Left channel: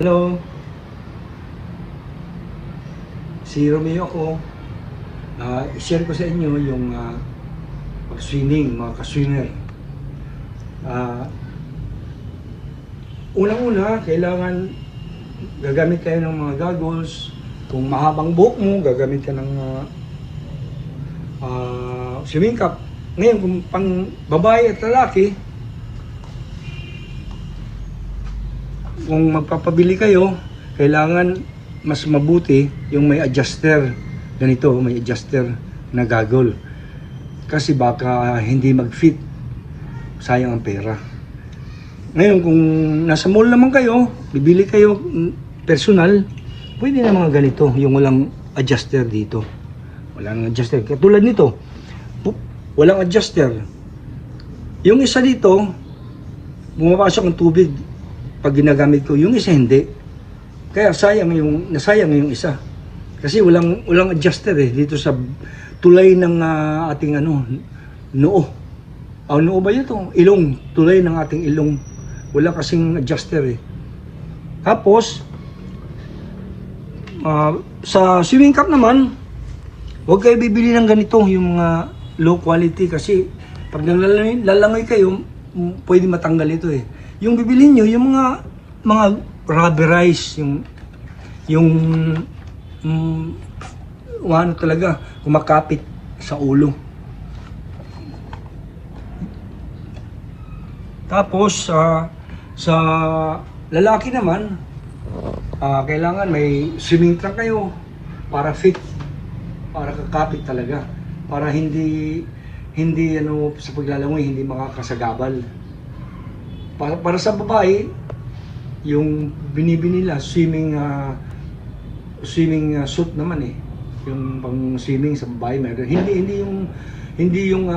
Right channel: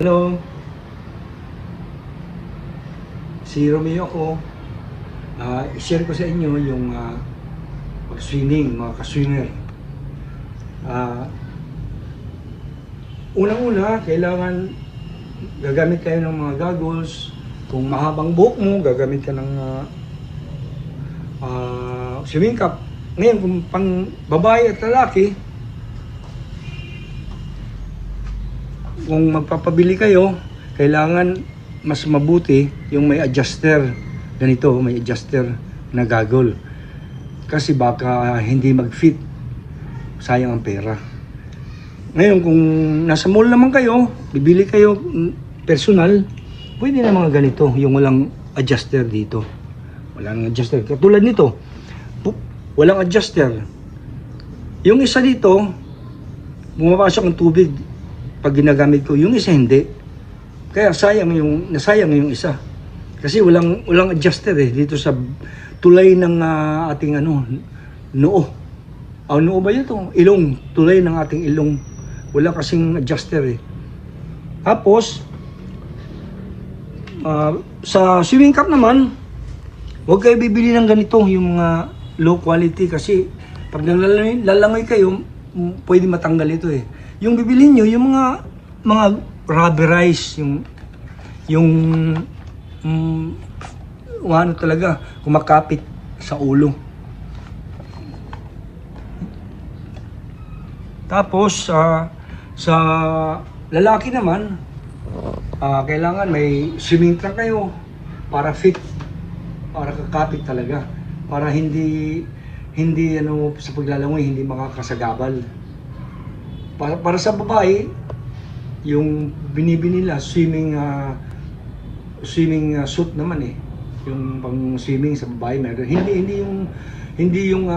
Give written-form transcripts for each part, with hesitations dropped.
Hello, si Romeo ako. I-share ko sa inyo yung pag-swimming, mga ka-swimmer. Unang-una, kailangan gagamit kayo ng mga goggles. Kung mahabang buhok mo, gagamit ka ng swimming cap. Ngayon, kung pang babae at lalaki, kung magpapabili kayo, kailangan mas mabuti yung may adjuster. Ganito, may adjuster na goggle. Kasi baka hindi mag-fit. Sayang ang pera. Ngayon, kung nasa mall naman kayo, bibili kayo personal, pwede na mga ganito, yung walang adjuster dito. Walang adjuster. Katulad nito, walang adjuster. Yung isa dito, bumapasok ang tubig pag ginagamit ko, yung isa hindi. Kaya nasayang yung isa. Kasi walang adjuster dito sa tulay ng ating noo. Ang noo ba yun? Ilong. Tulay ng ating ilong. Wala kasing adjuster Tapos, sa swimming cap naman, huwag kayo bibili ng ganito, yung mga low quality kasi pag lalangoy kayo, pwede matanggal ito Yung bibili nyo, yung mga rubberized, yung ano talaga, kumakapit sa ulo. Tapos, sa lalaki naman, kailangan may swimming trunk kayo para fit, para kakapit talaga, para hindi sa paglalangoy hindi makakasagabal. Para sa babae, yung binibili nila swimming suit naman yung pang swimming sa babae meron. Hindi yung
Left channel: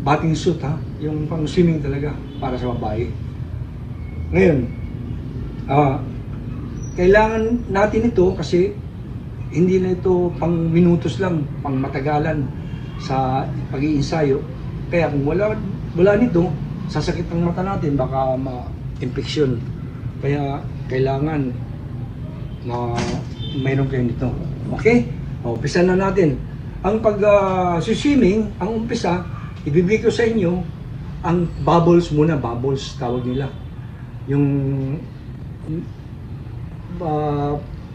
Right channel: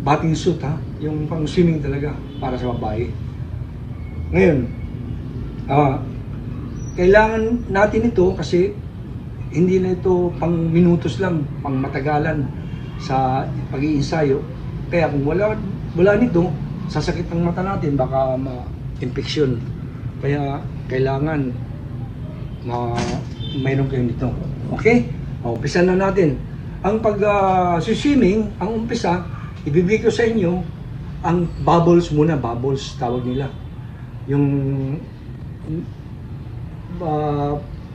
bathing suit yung pang swimming talaga para sa babae. Ngayon, kailangan natin ito kasi hindi na ito pang minutos lang, pang matagalan sa pag-iinsayo. Kaya kung wala nito, sasakit ang mata natin, baka ma-infection. Kaya kailangan mayroon kayo nito. Okay? Umpisa na natin. Ang pag-swimming, ang umpisa, ibibigay ko sa inyo ang bubbles muna. Bubbles, tawag nila. Yung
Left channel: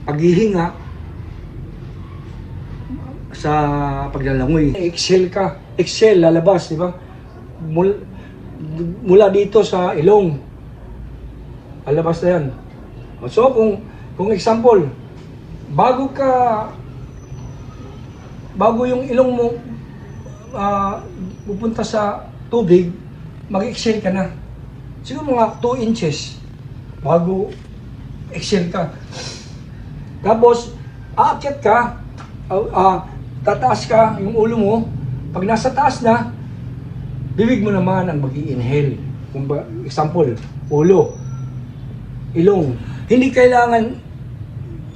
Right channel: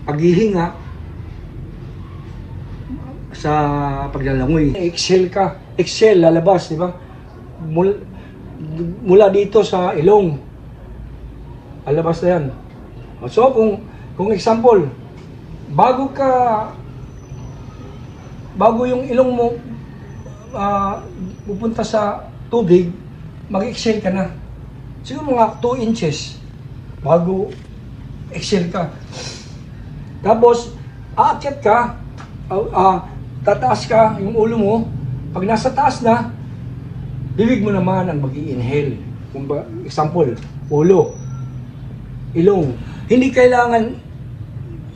paghihinga sa paglalangoy. Exhale, lalabas, di ba? Mula dito sa ilong. Lalabas na yan. So, kung example, bago yung ilong mo pupunta sa tubig, mag-exhale ka na. Siguro mga 2 inches bago exhale ka. Tapos, aakyat ka, tataas ka yung ulo mo. Pag nasa taas na, bibig mo naman ang mag-i-inhale. Kung example, ulo, ilong. Hindi kailangan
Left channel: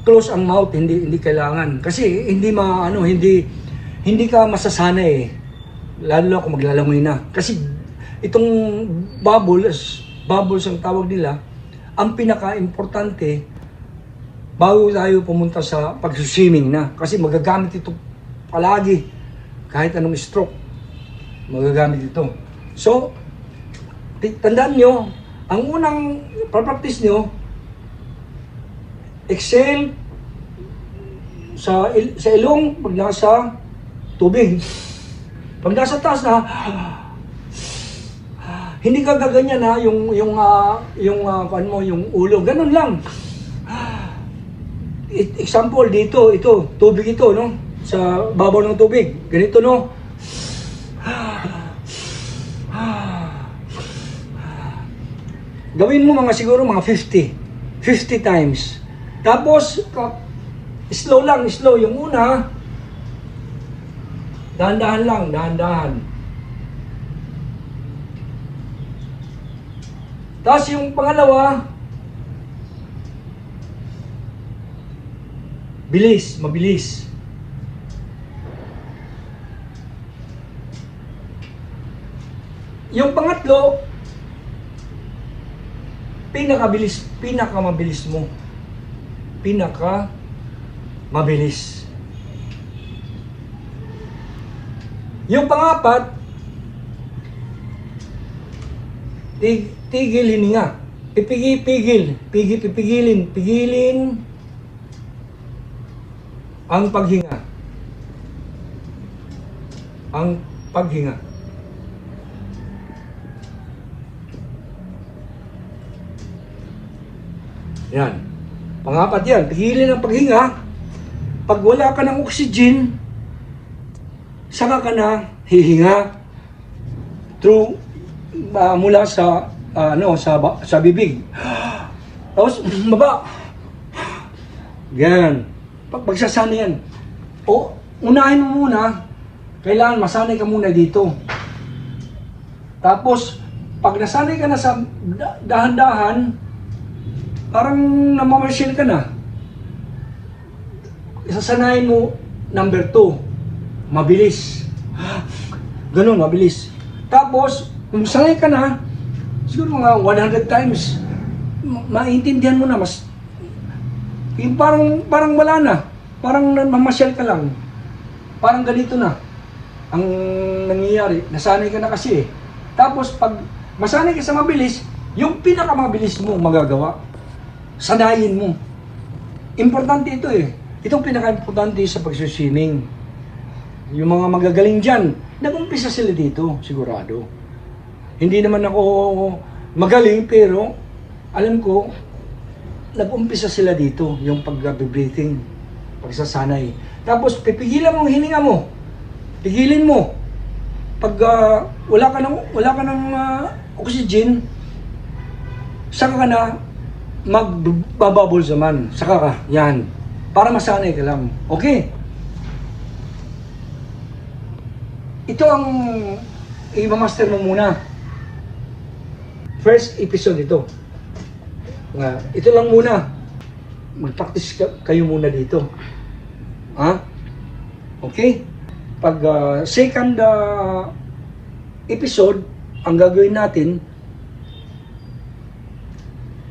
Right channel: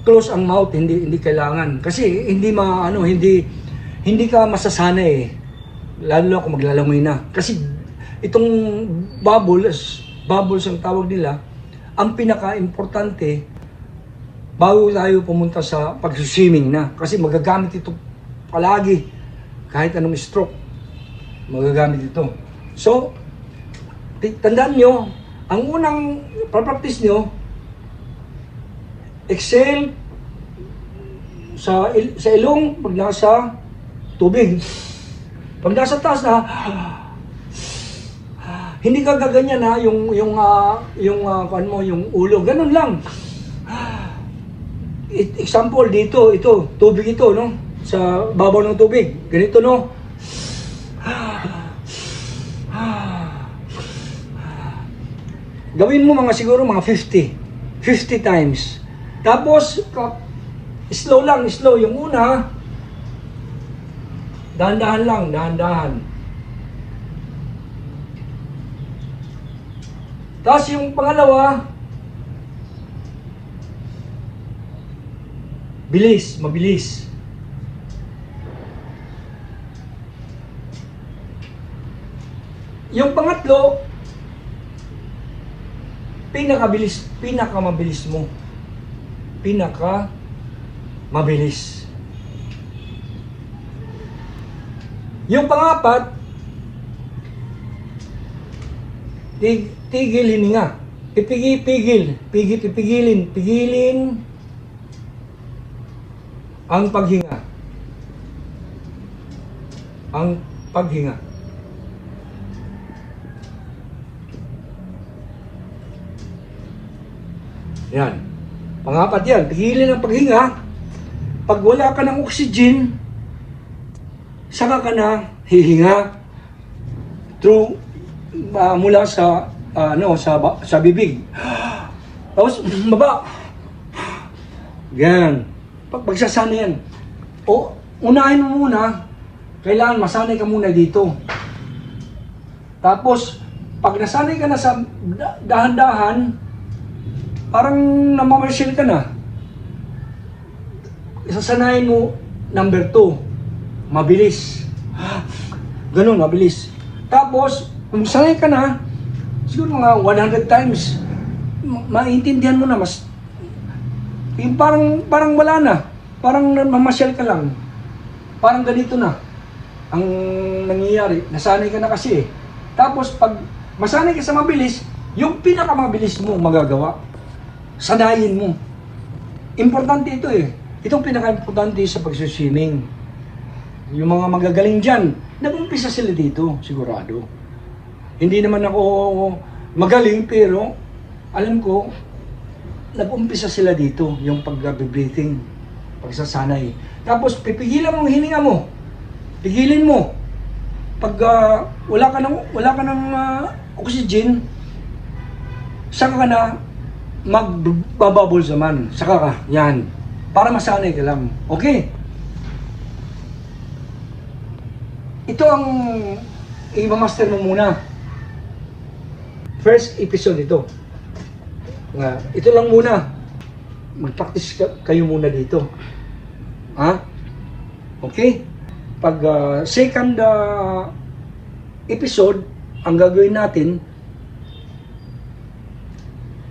close ang mouth, hindi kailangan. Kasi hindi ka masasanay lalo na kung maglalangoy na. Kasi itong bubbles ang tawag nila, ang pinaka-importante bago tayo pumunta sa pag-swimming na. Kasi magagamit ito palagi. Kahit anong stroke, magagamit ito. So, tandaan nyo, ang unang practice nyo, exhale sa ilong pag nasa tubig. Pag nasa taas na, hindi ka gaganyan yung ulo, ganun lang. Example dito, tubig ito, no? Sa babaw ng tubig, ganito, no? Gawin mo siguro mga 50 times. Tapos, slow yung una. Dahan-dahan lang, dahan-dahan. Tapos yung pangalawa, mabilis. Yung pangatlo, pinakamabilis mo. Mabilis. Yung pangapat, tigil hininga. Pipigilin ang paghinga. Yan. Pangapat yan, pigilin ang paghinga. Pag wala ka ng oxygen, saka ka na hihinga through mula sa sa bibig. Tapos baba. Yan. Pagsasanay yan. O unahin mo muna, kailangan masanay ka muna dito. Tapos pag nasanay ka na sa dahan-dahan, parang namamasyal ka na. Sasanayin mo, number 2, mabilis. Ganun, mabilis. Tapos, kung sanay ka na, siguro mga 100 times, maintindihan mo na, yung parang wala na. Parang mamasyal ka lang. Parang ganito na ang nangyayari. Nasanay ka na kasi eh. Tapos, pag masanay ka sa mabilis, yung pinakamabilis mo magagawa. Sanayin mo. Importante ito eh. Itong pinaka-importante sa pag-swimming. Yung mga magagaling dyan, nag-umpisa sila dito, sigurado. Hindi naman ako magaling, pero alam ko, nag-umpisa sila dito, yung pag-breathing, pagsasanay. Tapos, pipigilan mo ang hininga mo. Pigilin mo. Pag wala ka ng oxygen, saka ka na magbabubble naman. Saka ka, yan. Para masanay ka lang. Okay? Ito ang i-master mo muna. First episode ito. Ito lang muna. Mag-practice kayo muna dito. Ha? Okay? Pag second episode, ang gagawin natin,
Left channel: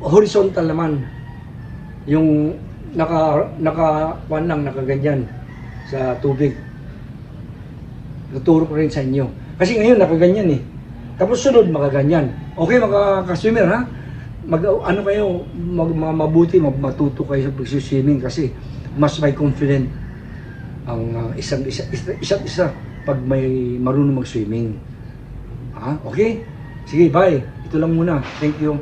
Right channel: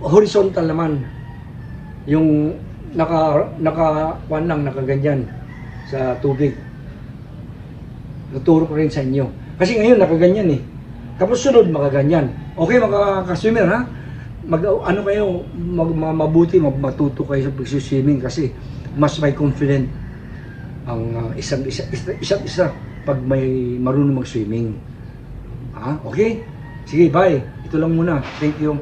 horizontal naman. Yung nakaganyan sa tubig. Naturo ko rin sa inyo. Kasi ngayon nakaganyan eh. Tapos sunod makaganyan. Okay mga ka-swimmer ha? Mabuti matuto kayo sa pag-swimming kasi mas may confident ang isa't isa pag may marunong mag-swimming. Ha? Okay? Sige, bye. Ito lang muna. Thank you.